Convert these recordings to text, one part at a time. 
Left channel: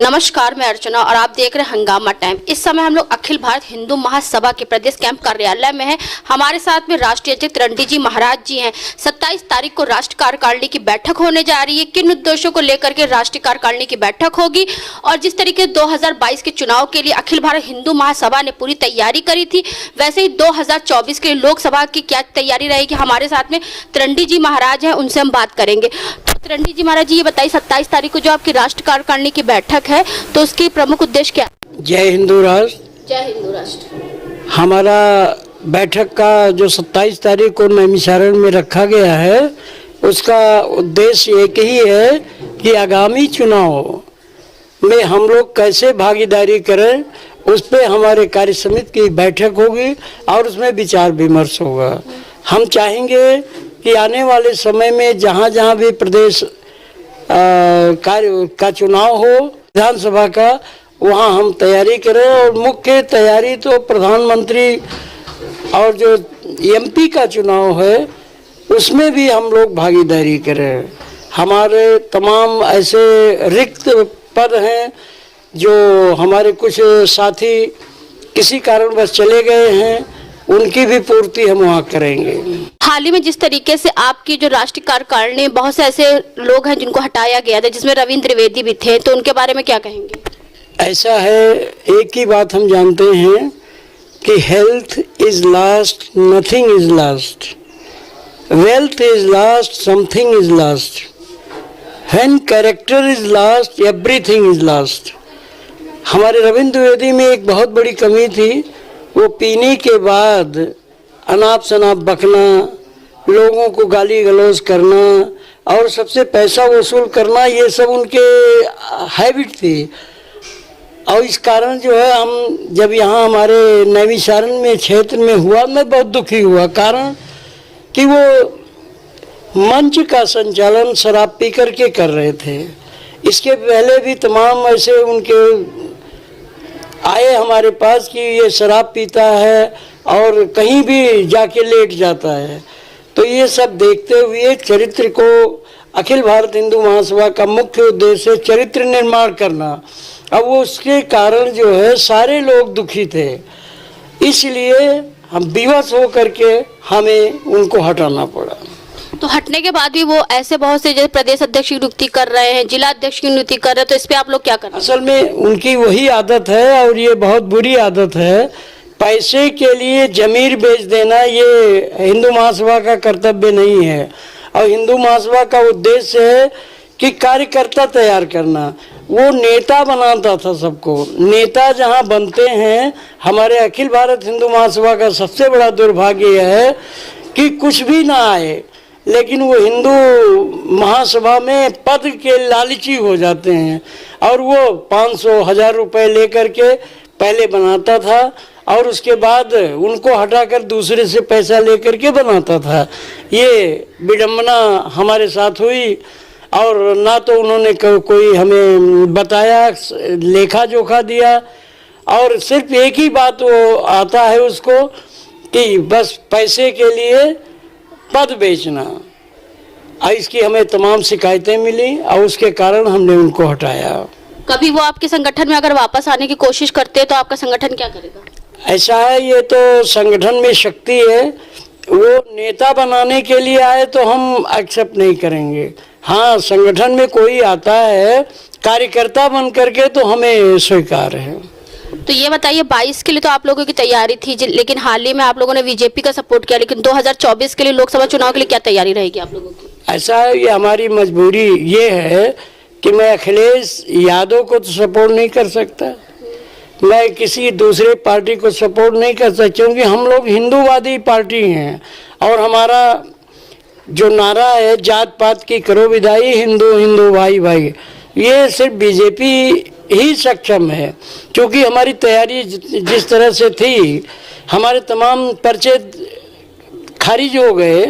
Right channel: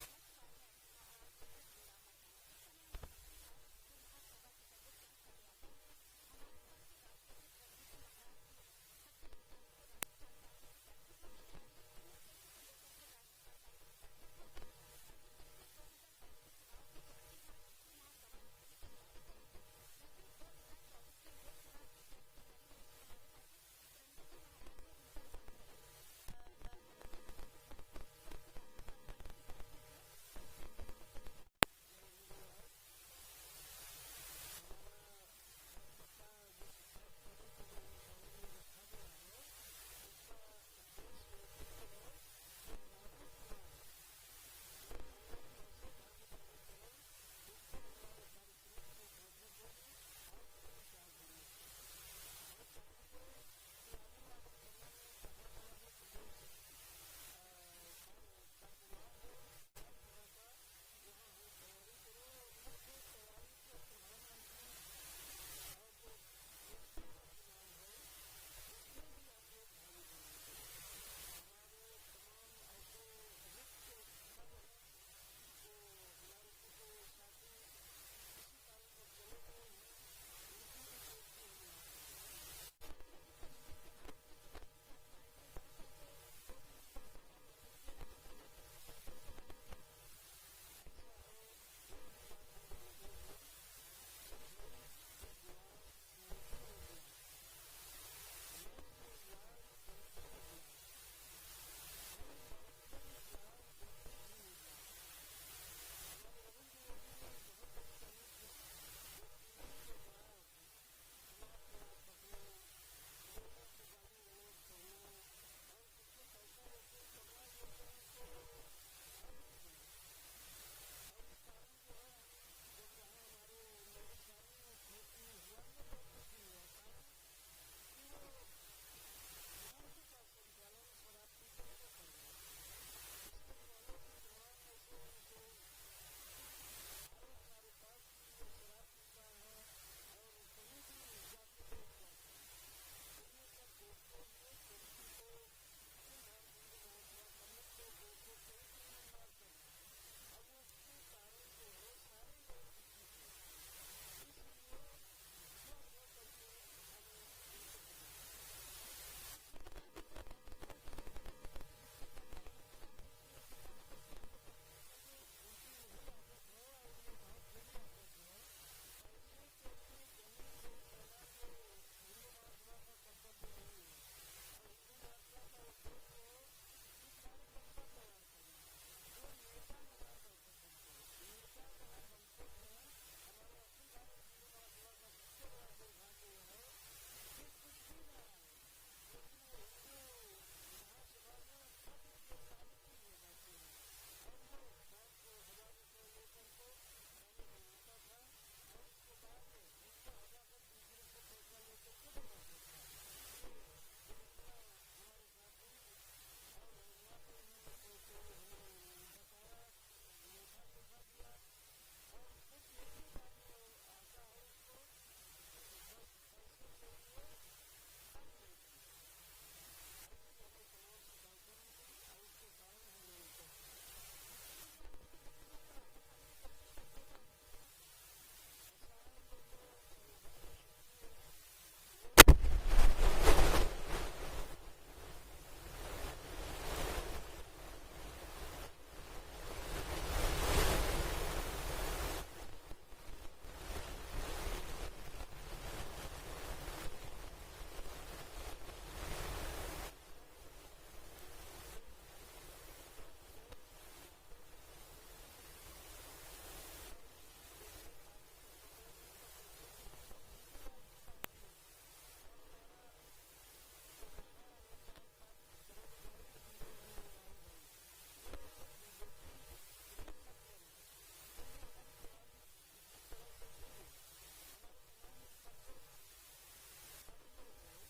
नमस्कार, मैं अर्चना और आप देख रहे हैं हंगामा टाइम। इस समय हम लोग अखिल भारत हिंदू महासभा के प्रदेश कैंप कार्यालय में हैं। हमारे साथ में राष्ट्रीय अध्यक्ष रंडी जी महाराज जी हैं। 27 तारीख को राष्ट्रीय कार्यकारिणी की बैठक होने जा रही है। किन उद्देश्यों को लेकर के राष्ट्रीय कार्यकारिणी की बैठक होगी और जिस तरीके 2022 के चुनाव के लिए अखिल भारत हिंदू महासभा ने पूरी तैयारी करी थी, वैसे ही 2024 के लिए लोकसभा की क्या तैयारी रहेगी। हमारे साथ में रंडी जी महाराज हैं, उनसे हम बात करेंगे। रंडी जी महाराज जी, ये बताइए 27 तारीख को जो आपकी राष्ट्रीय कार्यकारिणी की बैठक है तो उसकी प्रमुख उद्देश्य क्या है? जय हिंदू राष्ट्र। जय हिंदू राष्ट्र। हमारा बैठक का जो 27 तारीख को नैमिषारण्य में रखा गया है, उसका उद्देश्य एक ही है कि आगामी चुनाव में हम लोग कैसे भागीदारी करें, उस पे हमारे कार्य समिति की बैठक होगी और उसमें विचार विमर्श होगा। हम चाहेंगे कि आने वाले समय में जहाँ जहाँ भी प्रदेश कार्य का चुनाव हो, विधानसभा का, वहाँ हम तैयारी करें। और मुख्य तैयारी तो प्रधानमंत्री और जो एमपी का चुनाव है उसमें भी हम लोग भागीदारी करें। हमारे तमाम ऐसे रिक्त पद हैं जो हमारे कुछ साथी किसी कारणवश चले गए हैं, उनकी भी पूर्ति हम वहाँ करेंगे। हाल ही में जिस तरीके से आपकी जो राष्ट्रीय कार्यकारिणी, बहुत से ऐसे लोग हैं जिनको हटाया गया था, जिसमें रविंद्र द्विवेदी भी थे, तो उनके बारे में क्या कहेंगे? ऐसा है, एक ही बात हम जानते हैं कि health is last, nothing is last, wealth is last, something is last, when character is last, everything is last. हमारे रविंद्र द्विवेदी में एक बहुत बड़ी कमी थी, वो पीने के बाद अनाप शनाप बकना, लोगों को गाली गलौज करना और सबसे पैसा वसूल करना, ये सब उनके हैबिट थी। और इस कारण जो है, हम जब यहाँ हमारे नैमिषारण्य में क्षेत्र में हुआ, मैं बहुत दुखी हुआ। कारण कि वो मंच का संचालन शराब पी करके कर रहे थे। इसके पहले भी तमाम ऐसे उनके आए हमारे पास कि ये शराब पीता है और कहीं भी जाके लेट जाता है। तो ये सब देखते हुए चरित्र को, अखिल भारत हिंदू महासभा का मुख्य उद्देश्य है चरित्र निर्माण करना। अब वो उसके कारण जो है सारे लोग दुखी थे, इसलिए हम विवश होकर के हमें उनको हटाना पड़ा। तो हटने के बाद भी वो ऐसे बहुत से जैसे प्रदेश अध्यक्ष की नियुक्ति कर रहे हैं, जिला अध्यक्ष की नियुक्ति कर रहे हैं, तो इस पे आप लोग क्या कर रहे हैं? असल में उनकी वही आदत है और ये बहुत बुरी आदत है। पैसे के लिए जमीर बेच देना ये हिंदू महासभा का कर्तव्य नहीं है। और हिंदू महासभा का उद्देश्य है कि कार्यकर्ता तैयार करना। वो नेता बनाता था सबको। नेता जहाँ बनते हैं, हमारे अखिल भारत हिंदू महासभा का सबसे बड़ा दुर्भाग्य यह है कि कुछ भी ना आए, लेकिन वो हिंदू महासभा में पद के लालची हो जाते हैं और वो 500-1000 रुपए लेकर के पहले बनाता था और उसके बाद उनको हटाकर दूसरे से पैसा लेकर के बनाता था। ये विडंबना हमारे साथ हुई और ना तो उन्होंने कोई हमें बताया, लेखा जोखा दिया, और सिर्फ एक ही बात वो आता है उसको कि बस पैसे के लिए पद बेचना। इसकी हमें तमाम शिकायतें मिली और उसके कारण हमने उनको हटाया। कभी वो आपके संगठन में अगर वापस आने की कोशिश करते हैं तो आपका संगठन क्या करेगा? ऐसा है, ये तो संगठन में शक्ति है। वो नेता बनाने के लिए आए तो हम एक्सेप्ट नहीं करेंगे। हाँ, संगठन में कोई आता है कार्यकर्ता बन करके तो हमें स्वीकार है। तो ये बताइए, 22 के लिए तो आप लोगों की तैयारी थी, लेकिन हाल ही में आप लोगों ने बीजेपी का सपोर्ट किया, लेकिन 2024 के लिए लोकसभा चुनाव के लिए क्या तैयारी रहेगी आप लोगों की? ऐसा है, ये हमारी मजबूरी ये है कि मैं अखिलेश यादव को तो सपोर्ट नहीं कर सकता, मैं किसी दूसरे पार्टी को सपोर्ट नहीं कर सकता, क्योंकि हम लोग हिंदूवादी पार्टी हैं और हमारा जो नारा है जात पात की करो विदाई, हिंदू हिंदू भाई भाई, ये सिर्फ बीजेपी ही सक्षम है। क्योंकि हमारी तैयारी जिस तरह से थी, हमारे तमाम पर्चे खारिज हो गए,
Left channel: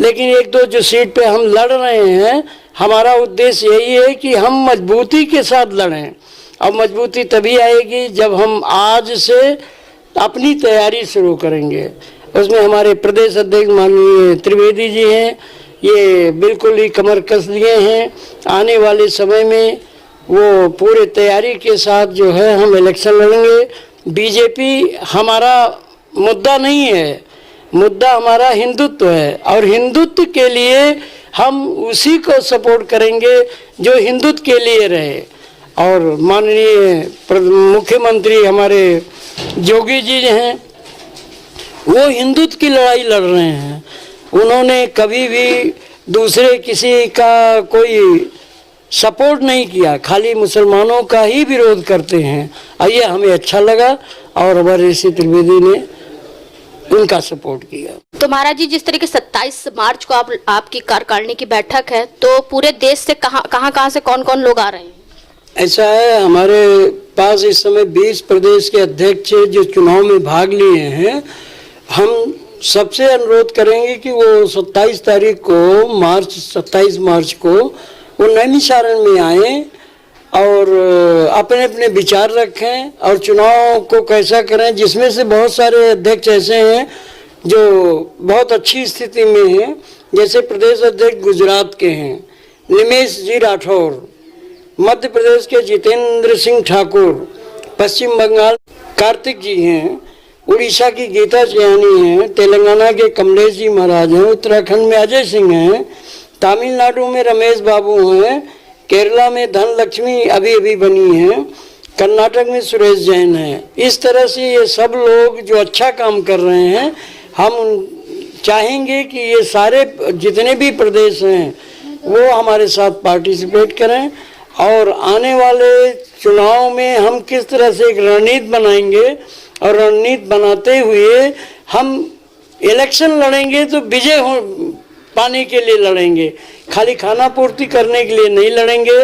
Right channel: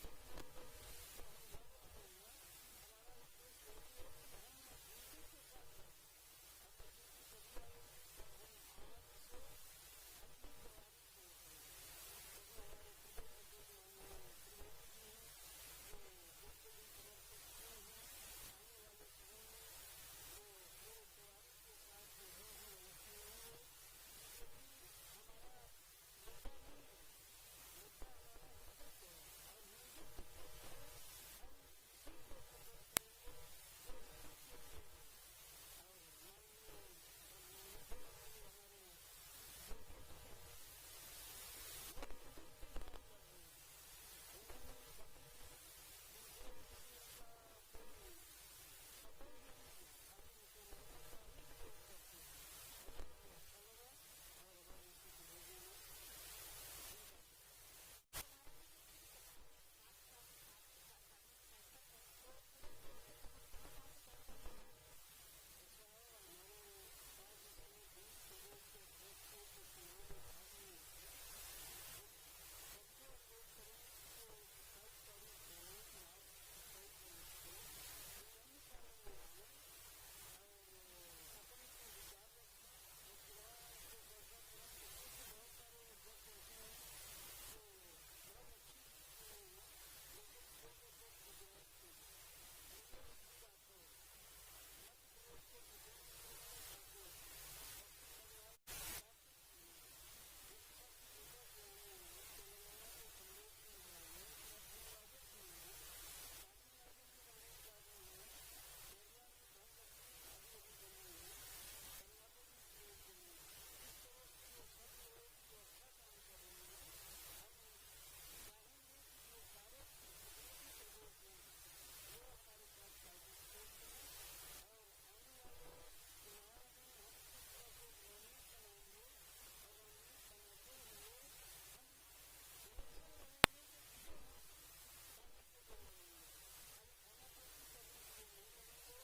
लेकिन एक दो जो सीट पे हम लड़ रहे हैं, हमारा उद्देश्य यही है कि हम मजबूती के साथ लड़ें। और मजबूती तभी आएगी जब हम आज से अपनी तैयारी शुरू करेंगे। उसमें हमारे प्रदेश अध्यक्ष माननीय त्रिवेदी जी हैं, ये बिल्कुल ही कमर कस लिए हैं। आने वाले समय में वो पूरे तैयारी के साथ जो है हम इलेक्शन लड़ेंगे। बीजेपी हमारा मुद्दा नहीं है, मुद्दा हमारा हिंदुत्व है और हिंदुत्व के लिए हम उसी को सपोर्ट करेंगे जो हिंदुत्व के लिए रहे। और माननीय मुख्यमंत्री हमारे योगी जी हैं, वो हिंदुत्व की लड़ाई लड़ रहे हैं। उन्होंने कभी भी दूसरे किसी का कोई सपोर्ट नहीं किया, खाली मुसलमानों का ही विरोध करते हैं। और ये हमें अच्छा लगा और हमारे ऋषि त्रिवेदी ने उनका सपोर्ट किया। तो महाराज जी, जिस तरीके 27 मार्च को आपकी कार्यकारिणी की बैठक है, तो पूरे देश से कहाँ से कौन कौन लोग आ रहे हैं? ऐसा है, हमारे पास इस समय 20 प्रदेश के अध्यक्ष जो चुनाव में भाग लिए हैं। हम सबसे अनुरोध करेंगे कि वो 27 तारीख को 27 मार्च को वो नैमिषारण्य में आए और अपने अपने विचार रखें और चुनाव को कैसा करें, जिसमें से बहुत सारे अध्यक्ष ऐसे हैं जो बहुत अच्छी स्थिति में हैं। जैसे प्रदेश अध्यक्ष गुजरात के हैं निमेश जी राठौर, मध्य प्रदेश के जितेंद्र सिंह ठाकुर, पश्चिम बंगाल कार्तिक जी हैं, उड़ीसा की गीता चयानी हैं, तेलंगाना के कमलेश जी महाराज हैं, उत्तराखंड में अजय सिंह हैं, तमिलनाडु में रमेश बाबू हैं, केरला में धनलक्ष्मी अभी बनी है, कर्नाटक में सुरेश जैन है। इस तरह से ये सब लोग जो अच्छा काम कर रहे हैं, हम चाहेंगे कि ये सारे जितने भी प्रदेश हैं वो हमारे साथ पार्टिसिपेट करें और आने वाले चुनाव में हम किस तरह से एक रणनीति बनाएंगे और रणनीति बनाते हुए हम इलेक्शन लड़ेंगे तो विजय पाने के लिए लड़ेंगे, खाली खाना पूर्ति करने के लिए नहीं लड़ेंगे।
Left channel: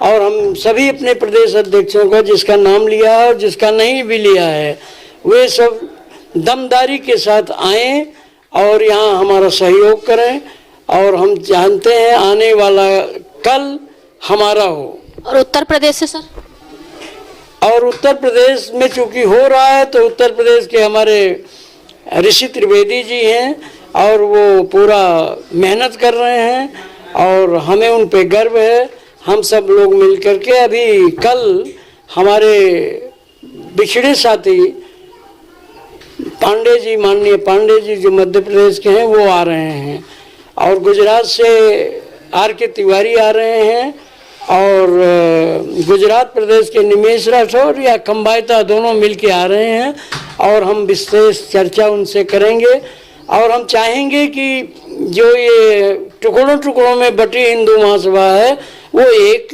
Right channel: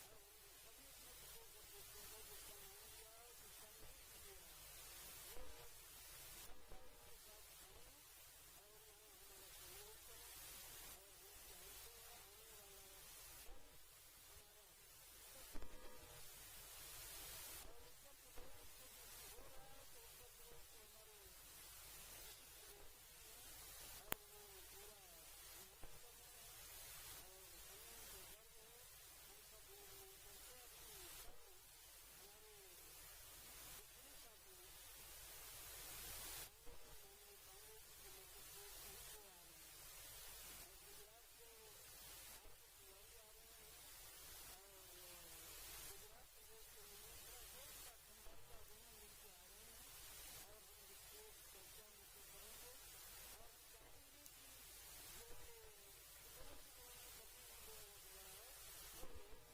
और हम सभी अपने प्रदेश अध्यक्षों का जिसका नाम लिया है और जिसका नहीं भी लिया है, वे सब दमदारी के साथ आएं और यहाँ हमारा सहयोग करें। और हम जानते हैं आने वाला कल हमारा हो। और उत्तर प्रदेश से सर? और उत्तर प्रदेश में चूंकि हो रहा है तो उत्तर प्रदेश के हमारे ऋषि त्रिवेदी जी हैं और वो पूरा मेहनत कर रहे हैं और हमें उन पे गर्व है। हम सब लोग मिलकर के अभी कल हमारे बिछड़े साथी पांडे जी, माननीय पांडे जी जो मध्य प्रदेश के हैं, वो आ रहे हैं और गुजरात से R.K. तिवारी आ रहे हैं और गुजरात प्रदेश के निमेश राठौर या खम्बायता दोनों मिलके आ रहे हैं और हम विशेष चर्चा उनसे करेंगे। और हम चाहेंगे कि जो ये टुकड़ों टुकड़ों में बटी हिंदू महासभा है वो एक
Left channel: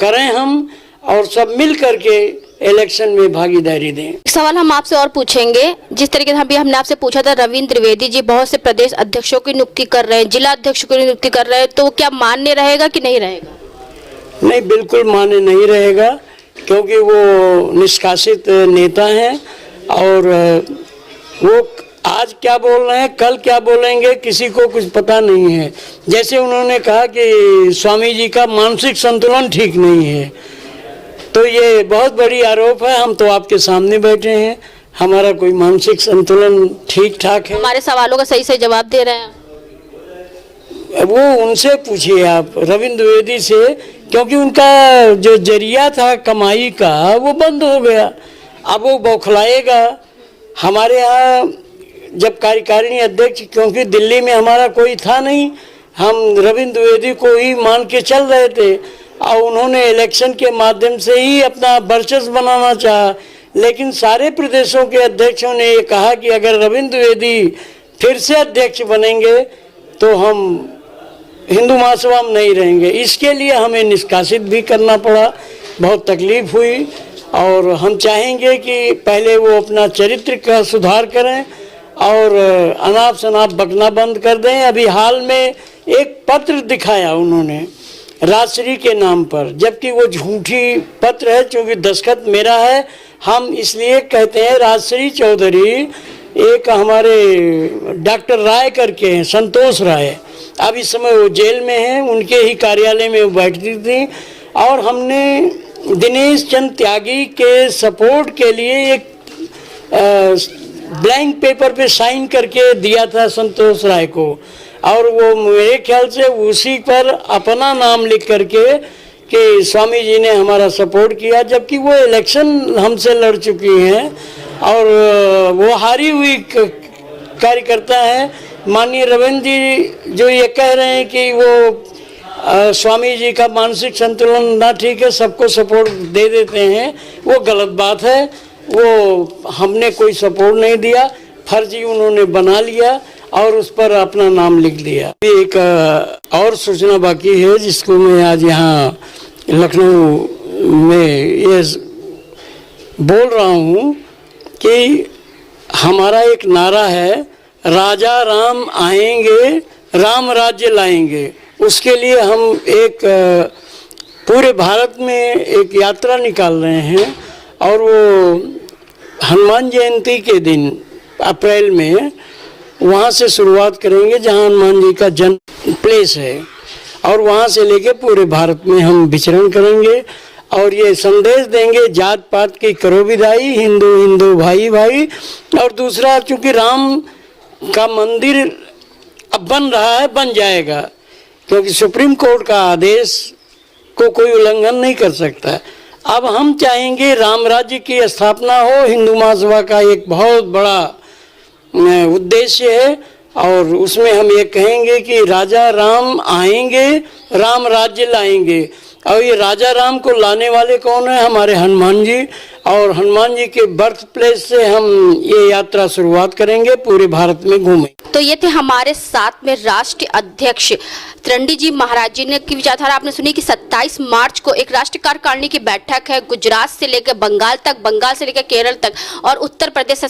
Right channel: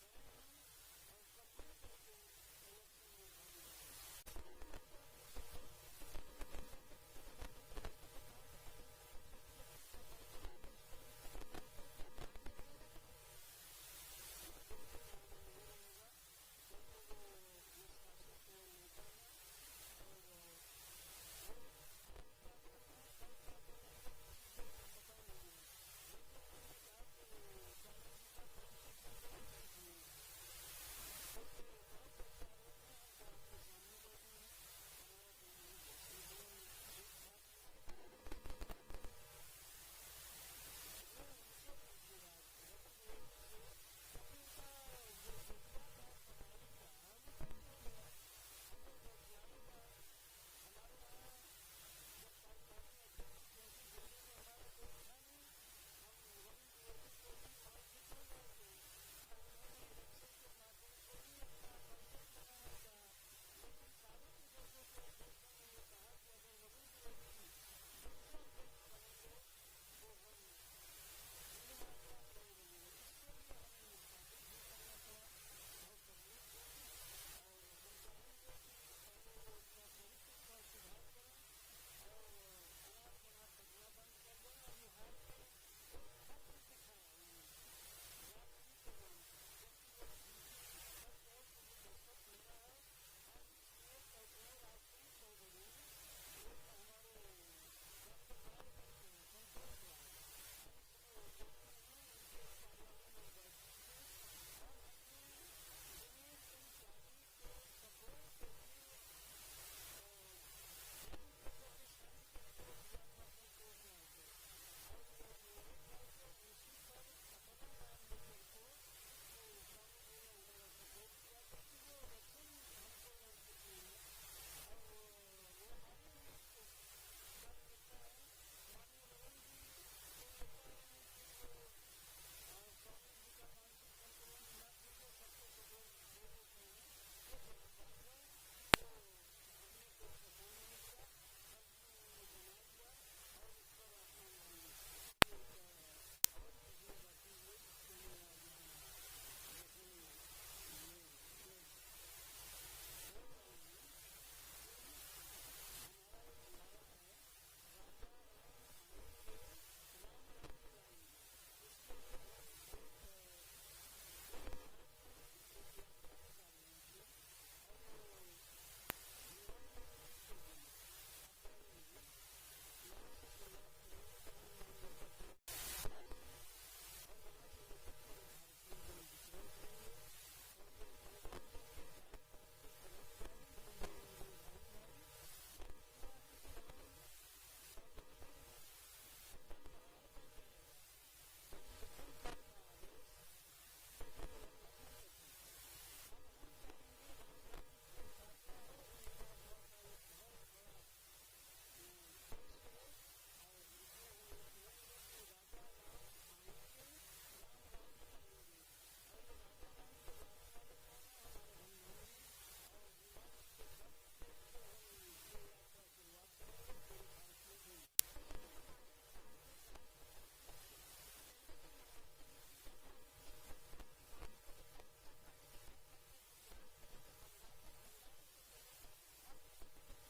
करें हम और सब मिल करके इलेक्शन में भागीदारी दें। एक सवाल हम आपसे और पूछेंगे, जिस तरीके से अभी हमने आपसे पूछा था, रविंद्र त्रिवेदी जी बहुत से प्रदेश अध्यक्षों की नियुक्ति कर रहे हैं, जिला अध्यक्षों की नियुक्ति कर रहे हैं, तो क्या मान्य रहेगा कि नहीं रहेगा? नहीं, बिल्कुल मान्य नहीं रहेगा, क्योंकि वो निष्कासित नेता हैं और वो आज क्या बोल रहे हैं कल क्या बोलेंगे किसी को कुछ पता नहीं है। जैसे उन्होंने कहा कि स्वामी जी का मानसिक संतुलन ठीक नहीं है, तो ये बहुत बड़ी आरोप है। हम तो आपके सामने बैठे हैं, हमारा कोई मानसिक संतुलन ठीक ठाक है। हमारे सवालों का सही से जवाब दे रहे हैं। वो उनसे पूछिए आप, रविंद्र द्विवेदी से, क्योंकि उनका जो जरिया था कमाई का वो बंद हो गया। अब वो बौखलाएगा। हमारे यहाँ जब कार्यकारिणी अध्यक्ष, क्योंकि दिल्ली में हमारा कोई था नहीं, हम रविंद्र द्विवेदी को ही मान के चल रहे थे और उन्होंने इलेक्शन के माध्यम से ही अपना वर्चस्व बनाना चाहा। लेकिन सारे प्रदेशों के अध्यक्षों ने ये कहा कि अगर रविंद्र द्विवेदी फिर से अध्यक्ष बनेंगे तो हम हिंदू महासभा में नहीं रहेंगे। इसके लिए हमें निष्कासित भी करना पड़ा, बहुत तकलीफ हुई। और हम चाहेंगे कि पहले वो अपना चरित्र का सुधार करें और अनाप शनाप बकना बंद कर दें। अभी हाल में एक पत्र दिखाया उन्होंने राजश्री के नाम पर, जबकि वो झूठी पत्र है, क्योंकि दस्तखत मेरा है। हम इसलिए कहते हैं राजश्री चौधरी, एक हमारे डॉक्टर राय करके हैं, संतोष राय, अब इस समय वो जेल में हैं, उनके ही कार्यालय में वो बैठती थी। और हमने दिनेश चंद त्यागी के सपोर्ट के लिए एक ब्लैंक पेपर पे साइन करके दिया था संतोष राय को, और वो मेरे ख्याल से उसी पर अपना नाम लिख करके कि स्वामी जी ने हमारा सपोर्ट किया, जबकि वो इलेक्शन हमसे लड़ चुकी हैं और वो हारी हुई कार्यकर्ता है। माननीय रविंद्र जी जो ये कह रहे हैं कि वो स्वामी जी का मानसिक संतुलन ना ठीक है, सबको सपोर्ट दे देते हैं, वो गलत बात है। वो हमने कोई सपोर्ट नहीं दिया, फर्जी उन्होंने बना लिया और उस पर अपना नाम लिख दिया। एक और सूचना बाकी है जिसको मैं आज यहाँ लखनऊ में ये बोल रहा हूँ कि हमारा एक नारा है, राजा राम आएंगे, राम राज्य लाएंगे। उसके लिए हम एक पूरे भारत में एक यात्रा निकाल रहे हैं और वो हनुमान जयंती के दिन अप्रैल में वहाँ से शुरुआत करेंगे जहाँ हनुमान जी का जन्म प्लेस है, और वहाँ से लेके पूरे भारत में हम विचरण करेंगे और ये संदेश देंगे जात पात की करो विदाई, हिंदू हिंदू भाई भाई। और दूसरा, चूँकि राम का मंदिर अब बन रहा है, बन जाएगा, क्योंकि सुप्रीम कोर्ट का आदेश को कोई उल्लंघन नहीं कर सकता। अब हम चाहेंगे राम राज्य की स्थापना हो। हिंदू महासभा का एक बहुत बड़ा उद्देश्य है और उसमें हम ये कहेंगे कि राजा राम आएंगे, राम राज्य लाएंगे। और ये राजा राम को लाने वाले कौन है? हमारे हनुमान जी। और हनुमान जी के बर्थ प्लेस से हम ये यात्रा शुरुआत करेंगे, पूरे भारत में घूमें। तो ये थे हमारे साथ में राष्ट्रीय अध्यक्ष त्रिरंडी जी महाराज जी ने की विचारधारा आपने सुनी कि 27 मार्च को एक राष्ट्रीय कार्यकारिणी की बैठक है। गुजरात से लेकर बंगाल तक, बंगाल से लेकर केरल तक और उत्तर प्रदेश से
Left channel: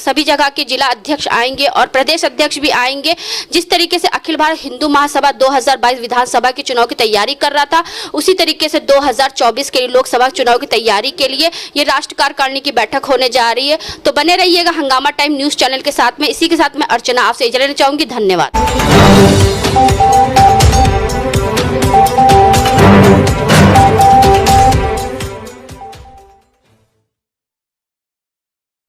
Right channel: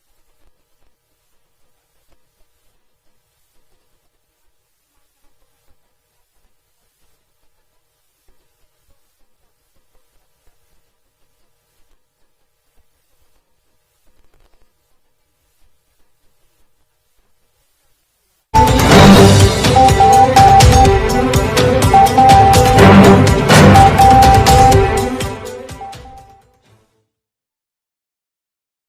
सभी जगह के जिला अध्यक्ष आएंगे और प्रदेश अध्यक्ष भी आएंगे। जिस तरीके से अखिल भारत हिंदू महासभा 2022 विधानसभा के चुनाव की तैयारी कर रहा था, उसी तरीके से 2024 के लोकसभा चुनाव की तैयारी के लिए ये राष्ट्रीय कार्यकारिणी की बैठक होने जा रही है। तो बने रहिएगा हंगामा टाइम न्यूज चैनल के साथ में। इसी के साथ मैं अर्चना आपसे इजाजत लेना चाहूंगी। धन्यवाद।